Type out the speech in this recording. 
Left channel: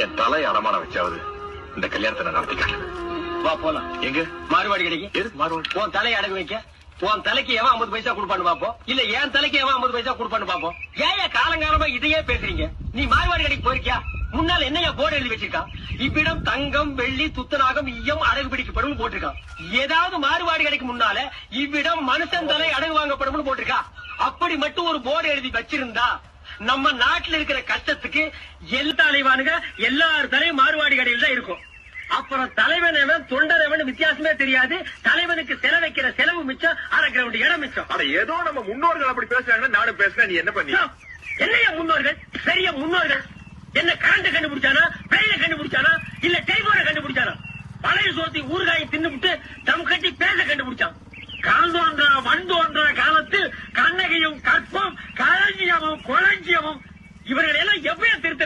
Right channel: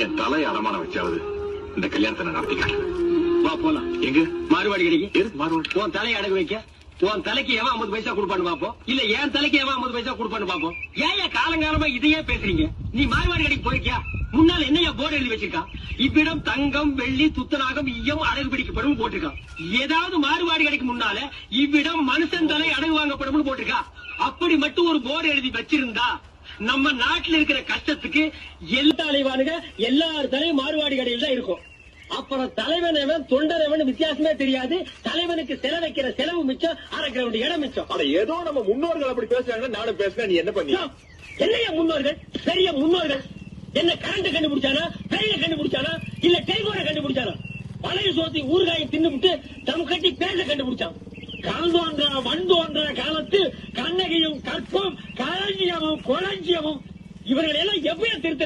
என் தலை அடமான வச்சாவது இந்த கல்யாணத்தை நான் நடத்திக்கிறேன். வா போலாம். எங்க? மாறுவாடி கிடைக்கு. எது? மாறுவாடி உன் தலையை அடகு வைக்க. உன் தலைக்கு எவன் ஐம்பது பைசா கொடுப்பான்னு பாப்போம் இல்ல என் தலைக்கு எவன் ஐம்பது பைசா கொடுப்பான்னு பாப்போம் ஏன் காலங்காலமா இதையே பேசுறீங்க? நீ மாறுவாடி கடைக்கு போயிருக்கியா? முன்னால என்னையா போர்டு எழுதி வச்சிருக்கான் இவ்விடம் தங்கம் வெள்ளி துத்தநாகம் ஈயம் அடகு பிடிக்கப்படும் போட்டிருக்கான் ஏதாவது மாறுபாடு கடைக்கு முன்னால இவ்விடம் மனுஷன் தலை அடகு வாங்கப்படும் போட்டிருக்கா. அப்படி மட்டும் ஒரு போர்டு எழுதி வச்சிருந்தா நம்ம நாட்டுல இருக்கிற கஷ்டத்துக்கு எல்லா தலைவானுங்க எல்லார் தலையும் மாறுவாடி கடையில் தான் இருக்கும். அப்புறம் தலைவன் எவன் தொண்டர் எவன் வித்தியாசமே தெரியாது. தலைவனுக்கு செலவு வைக்கிற செலவு மிச்சம் அரைக்கிற இடம் மிச்சம். அட ஏதோ நம்ம முன்னோர்கள் அப்படி பேசுறாங்கன்னா நானும் பேசுறேன் நீ என்ன பண்ணி? என்னையா முன்னோர்கள்? பெரிய முன்னோர்கள். என்ன கரண்ட் கண்டுபிடிச்சானா? பெயில கண்டுபிடிச்சானா? இல்ல டெலிபோனை கண்டுபிடிச்சானா? பழைய சோத்தி ஊறுகாயை தின்னுபிட்டு தம் கட்டி பேச கண்டுபிடிச்சான். கால் தோன்றா மண் தோன்றா காலத்தில் கண்ணகையும் கற்பம் களஞ்சியமும் இவர்கள் எல்லாம் எவ்வளவு திருத்த